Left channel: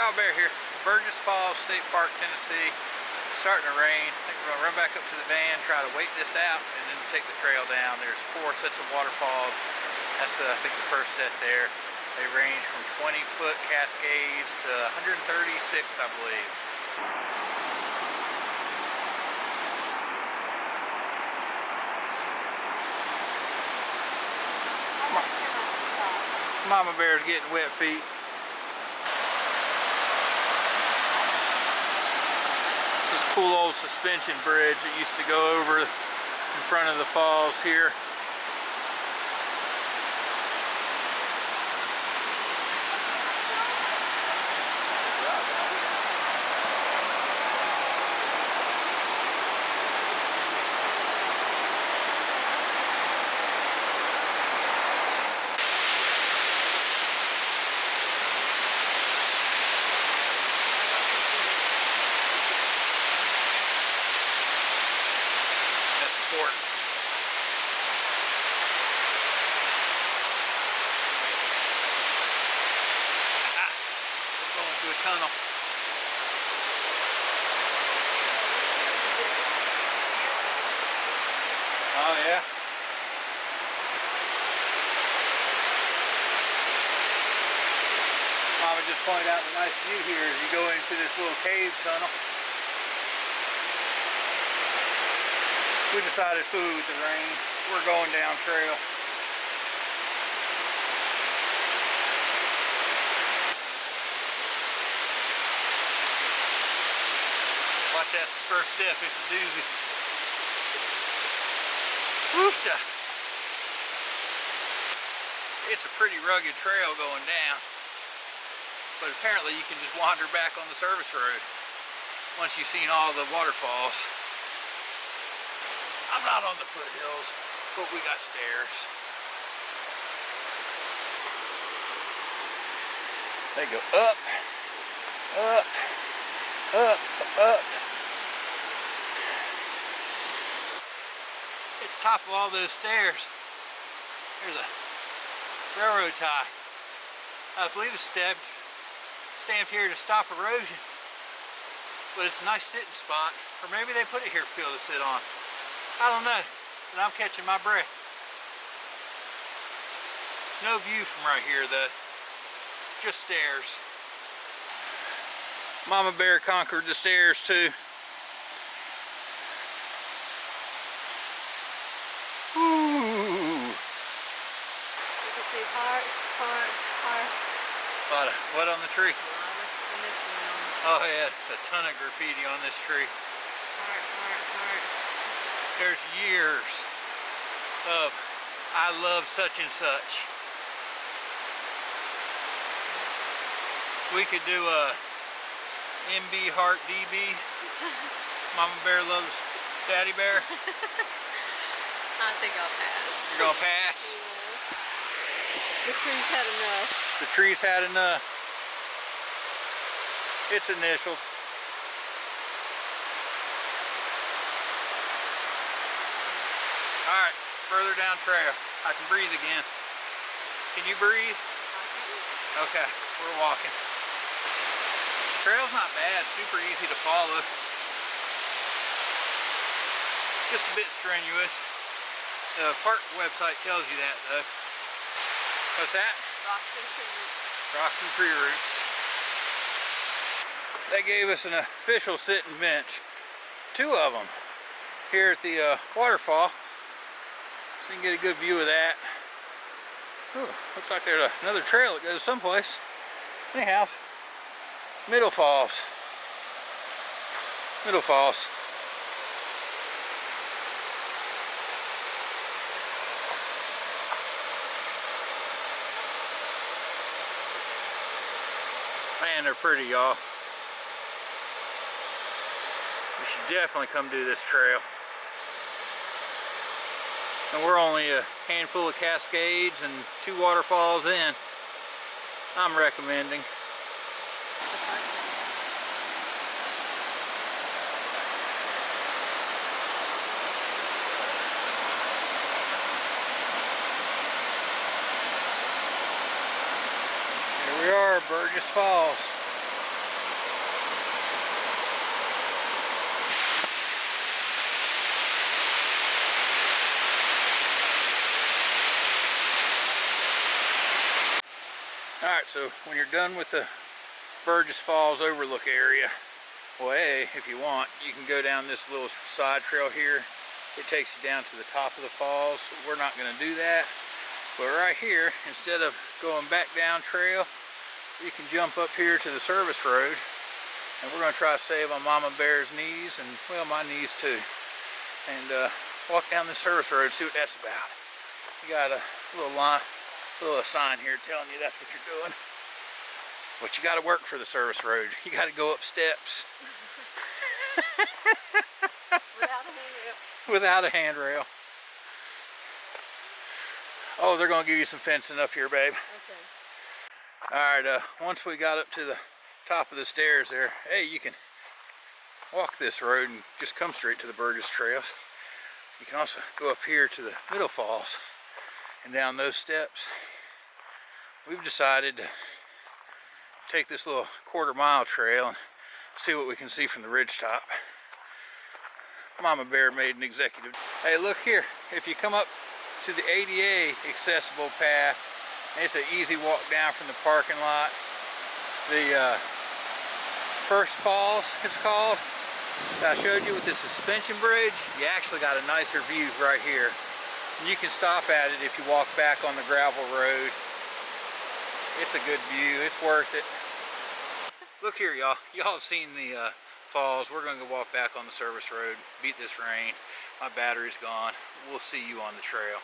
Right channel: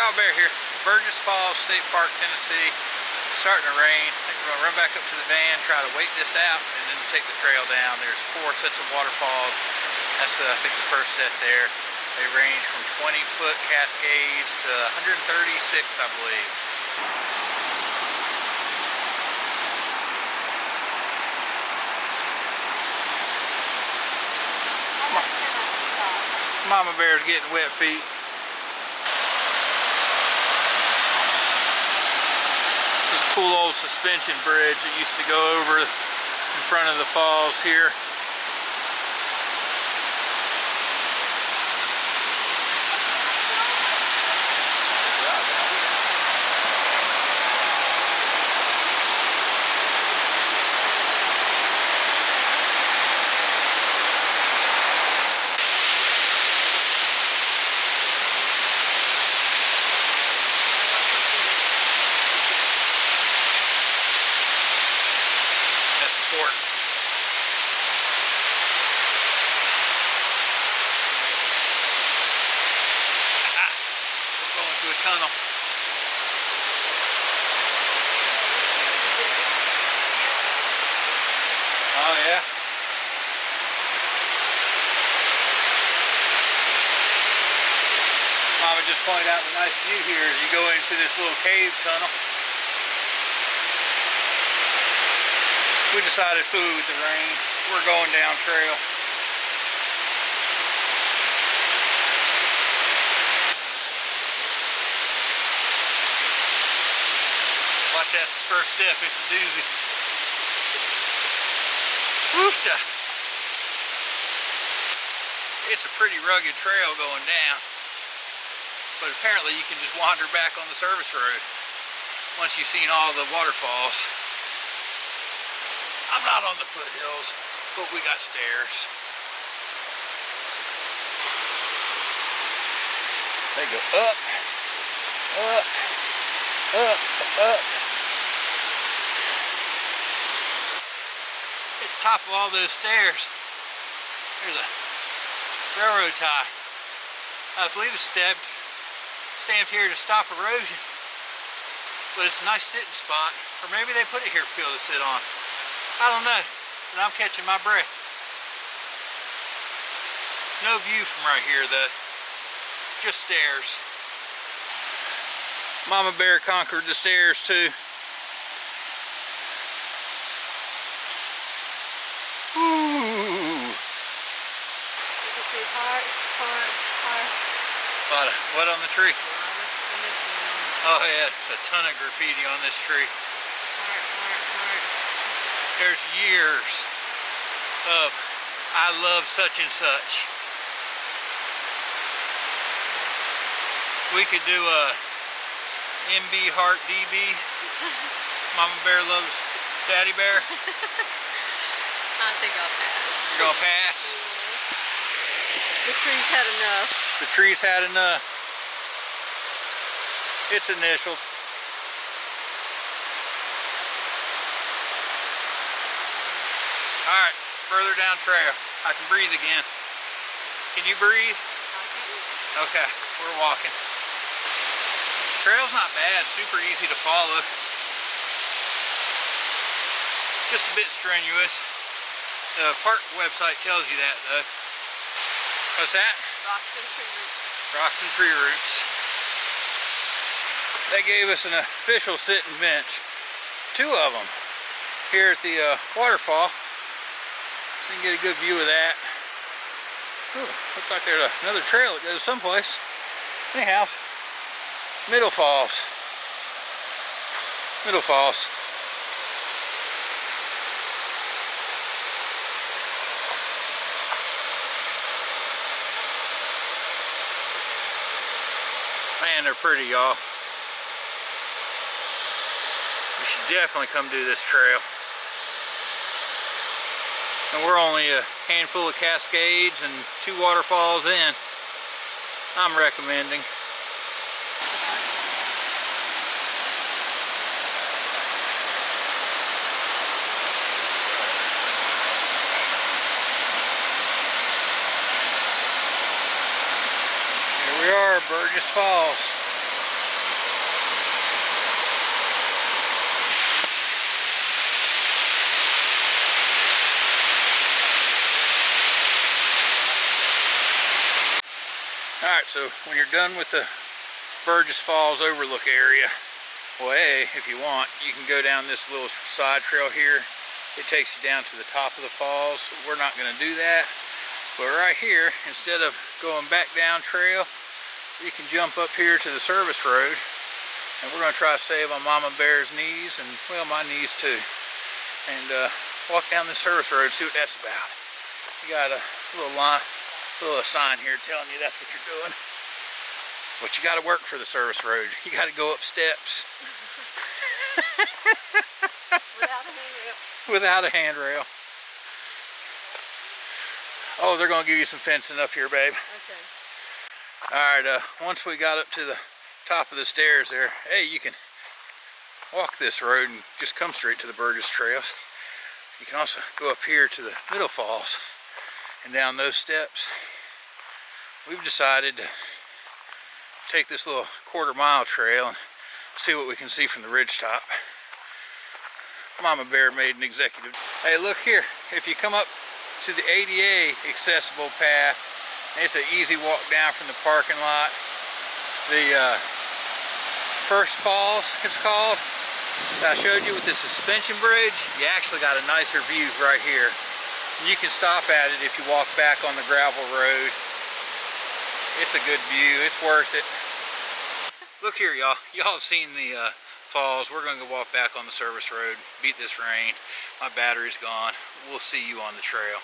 Y'all Bear here, Burgess Falls State Park, Tennessee. It's starting to rain. I think we're gonna run back up to the van, try to wait this out, and then take the trail down. There's 4 sets of waterfalls. That's I think the first set there. They range from 20-foot cascades to 136, I believe. Mama Bear's getting wet feet. This cool old suspension bridge that used to go over in front of the falls here. To a tunnel. Oh yeah. Mama just pointed out the nice view here as you go into this little cave tunnel. We decided food with the rain. We're going down trail. Watch that first step, it's a doozy. Woofta! It's a pretty rugged trail going down, but apparently you can just wander back on the service road once you've seen all the waterfalls. I'm not on the foothills, but we got stairs. They go up, up, up, up. At the top of all those stairs, there's a railroad tie. I believe it's stamped here to stop erosion. But it's a nice sitting spot. Or maybe they put it here for people to sit on. I don't know, but I'm catching my breath. No view from right here though. Just stairs. Mama Bear conquered the stairs too. Ooh. You can see heart. What on the tree? Oh yeah, a ton of graffiti on this tree. Heart. There's years of I love such and such. We could do a MB Heart DB. Mama Bear loves Daddy Bear. I think I'll pass. You're gonna pass? The tree's had enough. The tree's had enough. It's initialed. Alright, further down trail. I can breathe again. Can you breathe? Okay, we're walking. Trail's not bad, super easy to follow. Just a bit strenuous. The park website tells you that though. What's that? Rocks and tree roots. Rocks and tree roots. They gave us an official sitting bench. 2 of them here at the waterfall. So you can get a good view of that. Ooh, looks like there's another trail that goes someplace. Anyhow, Middle Falls. Middle Falls. Man, they're pretty, y'all. You should definitely come do this trail. And we're only a handful of cascades and 2 waterfalls in. I'm recommending. Here we are, Burgess Falls. Alright, so when you're done with the Burgess Falls overlook area, well, if you want, you can go down this little side trail here. It takes you down to the top of the falls. We're not going to do that. But right here, instead of going back down trail, you can jump up here to the service road. And we're going to try to save on Mama Bear's knees, and well, my knees too. And walk down this service road, see what that's about. You got a little line, little sign here telling you that's what you're doing. But you got to work for the service road. You got to go up steps. Without a handrail. Without a handrail. Oh, they're going to give you some fencing up here, babe. Okay. Alright, once we got up to the top of the stairs there, hey, you can walk this road and just come straight to the Burgess trails. You can also go up here to the middle falls and down those steps. We've decided to take this little quarter-mile trail and see what we can see from the ridgetop. Mama Bear made an executive. Hey, look here. If you come up to the ADA accessible path, it's an easy walk down from the parking lot. The first falls, it's called, that I showed you with the suspension bridge. You actually got a nicer view right here. You can stop at it if you walk back on the gravel road. It's a good view. It's worth it. Look here, y'all. Y'all have seen the falls. We're going to go walk back on the service road, beat this rain. My battery's gone. We'll see you on the trail.